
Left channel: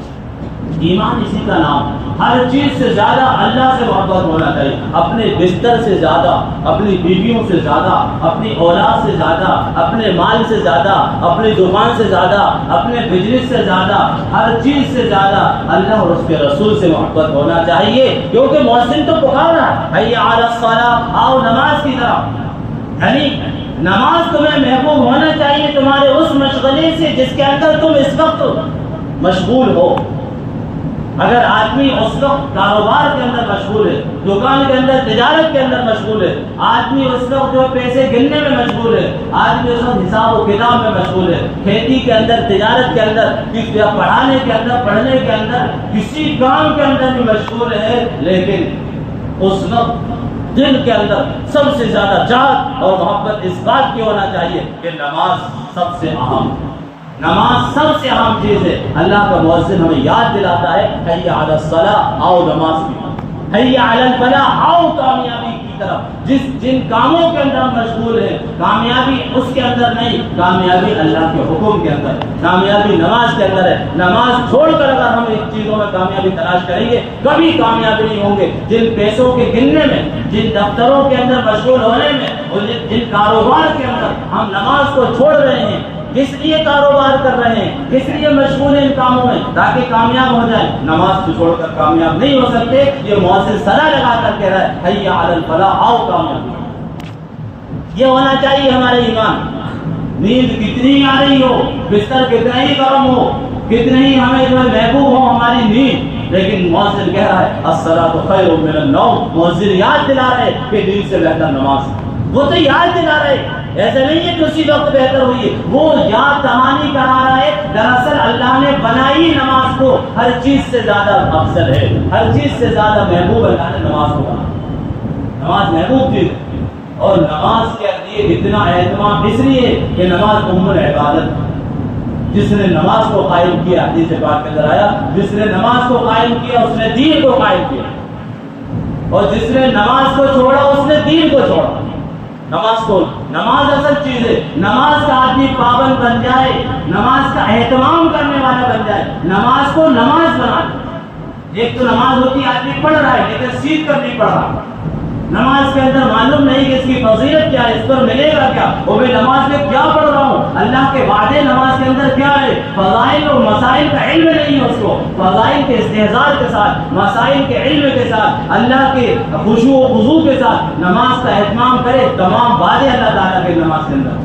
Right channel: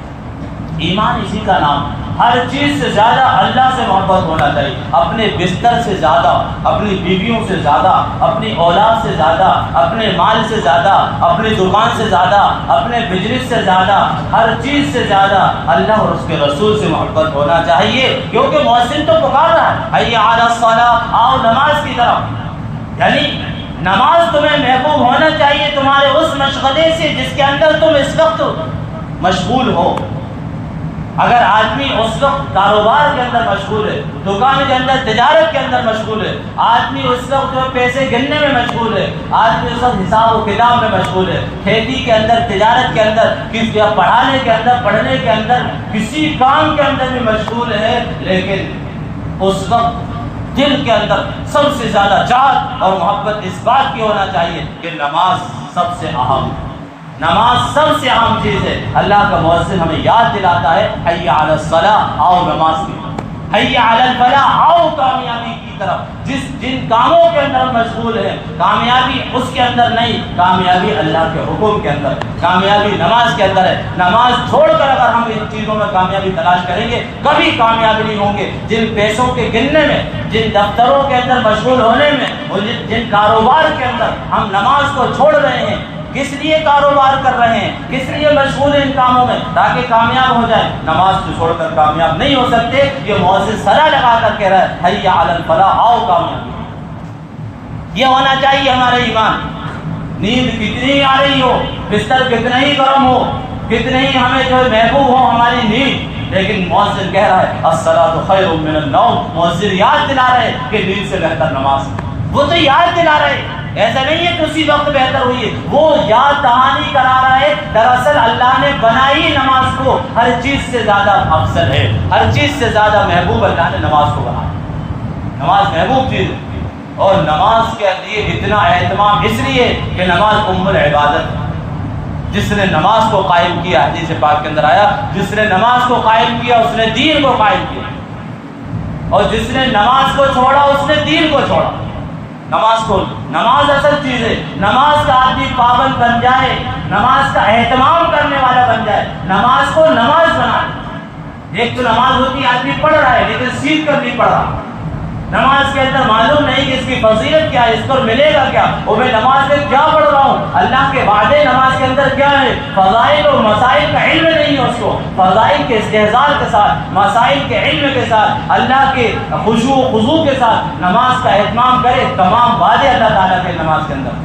ایمان اسی کا نام ہے. ہر چیز سے زیادہ اللہ سے محبت ہونا چاہیے. اپنے بستر سے زیادہ, اپنی بیویوں سے زیادہ, اپنی اولاد سے زیادہ, اپنے مال سے زیادہ, اپنی دکان سے زیادہ, اپنے بزنس سے زیادہ, ہر چیز سے زیادہ اللہ اور اس کے رسول سے محبت ہونا چاہیے. کیونکہ مؤذن تو پکار رہا ہے حی علی الصلاۃ, آؤ نماز کی طرف. یعنی نماز تمہیں محبوب ہونا چاہیے تمہارے اس مشغلے سے جس کے اندر تم اس وقت مشغول ہو. اگر آدمی اس وقت کاروبار کے اندر مشغول ہے، دکان کے اندر تجارت کے اندر مشغول ہے، آدمی اس وقت جو پیسے گننے میں مشغول ہے، آدمی اس وقت حساب و کتاب میں مشغول ہے، کھیتی کے اندر، تجارت کے اندر، پڑھانے کے اندر، پڑھنے کے اندر، کسی کام کے اندر بھی مشغول ہے، لیکن اس وقت دل کے اندر سب سے زیادہ چاہت اور محبت اس بات کی ہونا چاہیے کہ نماز سب سے اہم، نماز سب سے اہم چیز ہے۔ اللہ کا مؤذن ہمیں یاد دلاتا ہے، حی علی الصلاۃ، آؤ نماز کی طرف، حی علی الفلاح، آؤ کامیابی کی طرف۔ جن کاموں کے اندر مشغول ہیں، کامیابی اس کے اندر نہیں، کامیابی اللہ کے حکم کے اندر، کامیابی نماز کے اندر ہے۔ نماز چھوڑ کر اگر ہم ان چیزوں میں کامیابی تلاش کریں گے، کبھی کامیابی نہیں ہوں گے۔ جن پیسوں کے گننے میں، جن دفتروں کے اندر مشغول ہونے میں، اور جن کاروبار کے اندر ہم نماز کو چھوڑ رہے ہیں، کس لیے کاروبار کر رہے ہیں، کس لیے مشغول ہیں ان کاموں میں؟ تاکہ کامیاب ہو جائیں۔ نماز کو چھوڑ کر کامیاب نہیں ہو سکتے۔ یہ مؤذن صدا لگا کر کہہ رہا ہے، حی علی الفلاح، آؤ کامیابی۔ یہ ہونا چاہیے ہمارے ایمان۔ نیند کتنی آ رہی ہو، بستر کتنا ہی گرم ہو، کتنے ہی ہمیں جو ہے محبوب ہو ہماری نیند، لیکن مؤذن کہہ رہا ہے الصلاۃ خیر من النوم۔ مؤذن یاد دلا رہے کہ نیند سے بہتر نماز۔ وہ تو یاد دلا رہے، ایسا نہیں ہے کہ اسی وقت بہتر ہوئی ہے، وہ یاد دہانی کرا رہا ہے۔ دراصل اللہ نے بنائی نماز کو ہر چیز سے زیادہ افضل ہے، ہر چیز سے زیادہ محبوب اللہ نے نماز کو بنایا۔ نماز محبوب چیز ہے، اور نماز کے لیے اتنا اہتمام اس لیے کہ نماز ام العبادت۔ جس نے نماز کو قائم کیا، حدیث پاک کے اندر آیا، جس نے نماز کو قائم کیا اس نے دین کو قائم کیا، اور جس نے نماز کو چھوڑا اس نے دین کو چھوڑا۔ نماز اصل چیز ہے۔ نماز کا آدمی پابند بن جائے، نماز کا اہتمام کرنے والا بن جائے، نماز کو نماز بنا دے۔ ایک تو نماز ہوتی ہے آدمی پڑھ رہا ہے لیکن سیکھ کر نہیں پڑھ رہا، نماز کے اندر معلوم نہیں کہ اس کی فضیلت کیا ہے، اس پر ملے گا کیا، اور میں نماز میں کیا پڑھ رہا ہوں، اللہ کے وعدے نماز کے اندر کیا ہے، فضائل اور مسائل کا علم نہیں ہے اس کو۔ فضائل کے استحضار کے ساتھ، مسائل کے علم کے ساتھ، اللہ کے خشوع و خضوع کے ساتھ نماز کا اہتمام کرے، تمام وعدے اللہ تعالیٰ کے نماز کے اندر،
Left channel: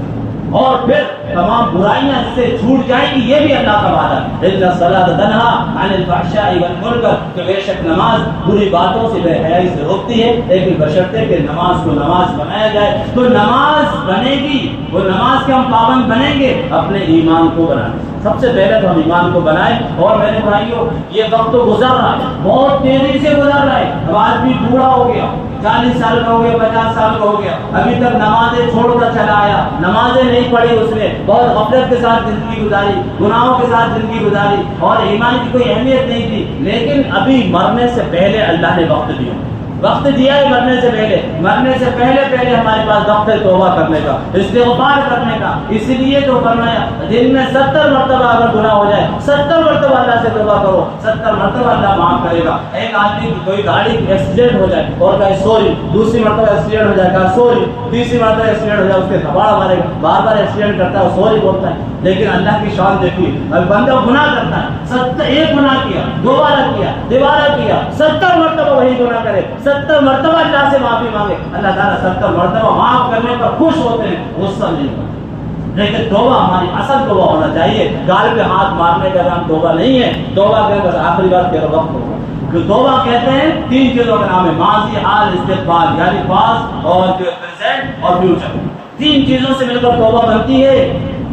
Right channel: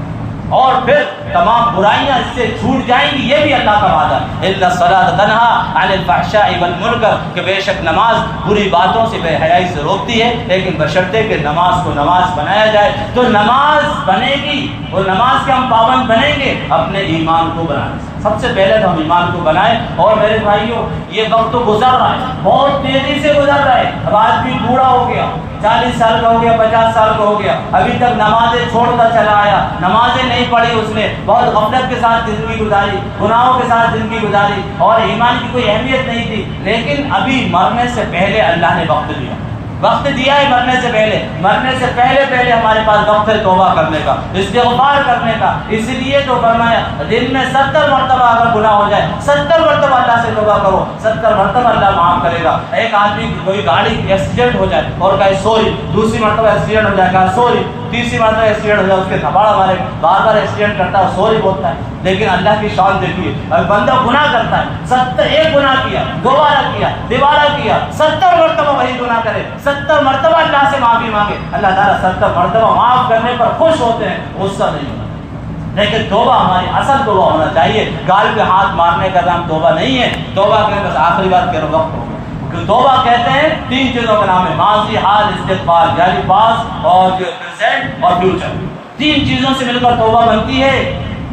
اور پھر تمام برائیاں اس سے چھوٹ جائیں گی، یہ بھی اللہ کا وعدہ ہے۔ ان الصلاۃ تنہی عن الفحشاء والمنکر، کہ بے شک نماز بری باتوں سے، بے حیائی سے روکتی ہے، لیکن بشرطے کہ نماز کو نماز بنایا جائے۔ تو نماز بنے گی، وہ نماز کے ہم پابند بنیں گے اپنے ایمان کو بنانے سے۔ سب سے پہلے تو ہم ایمان کو بنائیں۔ اور میرے بھائیوں، یہ وقت تو گزر رہا ہے، بہت تیزی سے گزر رہا ہے۔ اب آدمی بوڑھا ہو گیا، 40 سال کا ہو گیا، 50 سال کا ہو گیا، ابھی تک نمازیں چھوڑ کر چلا آیا، نمازیں نہیں پڑھی اس نے، بہت غفلت کے ساتھ زندگی گزاری، گناہوں کے ساتھ زندگی گزاری، اور ایمان کی کوئی اہمیت نہیں تھی۔ لیکن ابھی مرنے سے پہلے اللہ نے وقت دیا، وقت دیا ہے مرنے سے پہلے۔ مرنے سے پہلے ہمارے پاس وقت ہے توبہ کرنے کا، استغفار کرنے کا۔ اس لیے تو فرمایا دن میں 70 مرتبہ اگر گناہ ہو جائے، 70 مرتبہ اللہ سے توبہ کرو، 70 مرتبہ اللہ معاف کرے گا۔ ایک آدمی کی کوئی گاڑی ایکسیڈنٹ ہو جائے اور کہے سوری، دوسری مرتبہ ایکسیڈنٹ ہو جائے کہا سوری، تیسری مرتبہ ایکسیڈنٹ ہو جائے اس کے تھپاڑ مارے گا، بار بار ایکسیڈنٹ کرتا ہے سوری بولتا ہے۔ لیکن اللہ کی شان دیکھیے، اب بندہ گناہ کرتا ہے، ایک گناہ کیا، دوبارہ کیا، دوبارہ کیا، 70 مرتبہ وہی گناہ کرے، 70 مرتبہ اللہ سے معافی مانگے، اللہ تعالیٰ 70 مرتبہ معاف کرنے پر خوش ہوتے ہیں، غصہ نہیں ہوتا۔ لیکن توبہ ہماری اصل توبہ ہونا چاہیے، گال پہ ہاتھ مارنے کا نام توبہ نہیں ہے۔ توبہ کے بس آخری بار کہہ رہا وقت ہو گیا۔ توبہ کہتے ہیں 3 چیزوں کا نام ہے، ماضی، حال، استقبال، یعنی پاس اور جو پریزنٹ اور فیوچر، 3 چیزوں سے مل کر توبہ بنتی ہے۔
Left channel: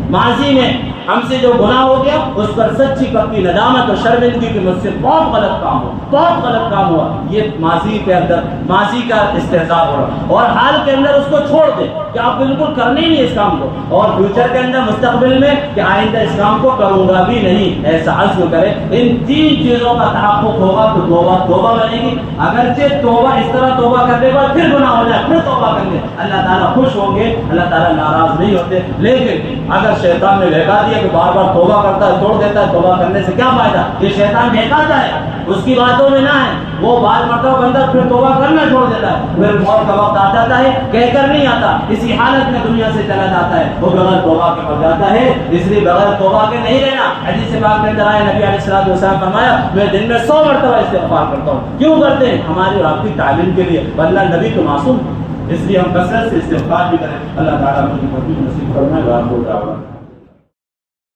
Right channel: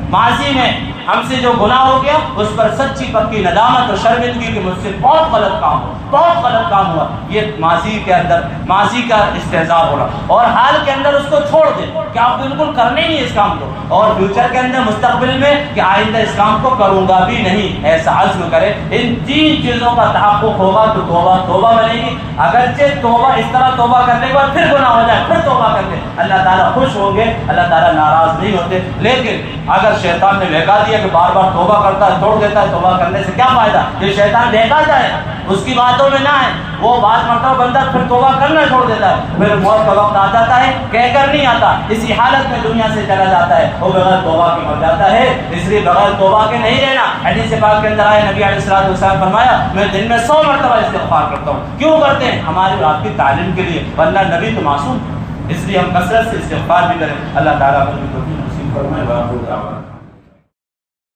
ماضی میں ہم سے جو گناہ ہو گیا اس پر سچی پکی ندامت اور شرمندگی کی، مجھ سے بہت غلط کام ہوا، بہت غلط کام ہوا، یہ ماضی کے اندر ماضی کا استحضار ہو رہا، اور حال کے اندر اس کو چھوڑ دیں کہ آپ بالکل کرنے ہی اس کام کو، اور فیوچر کے اندر مستقبل میں کہ آئندہ اس کام کو کروں گا بھی نہیں، ایسا عزم کرے۔ ان 3 چیزوں کا تحقق ہوگا تو توبہ بنے گی۔ اگرچہ توبہ اس طرح توبہ کرنے کے بعد پھر گناہ ہو جائے، پھر توبہ کر لے، اللہ تعالیٰ خوش ہوں گے، اللہ تعالیٰ ناراض نہیں ہوتے۔ لیکن اگر شیطان نے بہکا دیا کہ بار بار توبہ کرتا ہے، توڑ دیتا ہے، توبہ کرنے سے کیا فائدہ؟ یہ شیطان بہکاتا ہے، اس کی باتوں میں نہ ہے، وہ بات مرتبہ بندہ پھر توبہ کرنا چھوڑ دیتا ہے، پھر موت کا وقت آ جاتا ہے، کہہ کر نہیں آتا، اسی حالت میں دنیا سے چلا جاتا ہے، وہ بغیر توبہ کے مر جاتا ہے۔ اس لیے بغیر توبہ کے نہیں رہنا۔ حدیث پاک کے اندر آیا، نبی علیہ الصلوۃ والسلام فرمایا میں دن میں 100 مرتبہ استغفار کرتا ہوں۔ کیوں کرتے ہیں؟ ہماری اور آپ کی تعلیم کے لیے، ورنہ نبی تو معصوم، اس لیے ہم کثرت سے استغفار بھی کریں۔ اللہ تعالیٰ ہمیں توفیق نصیب فرمائے۔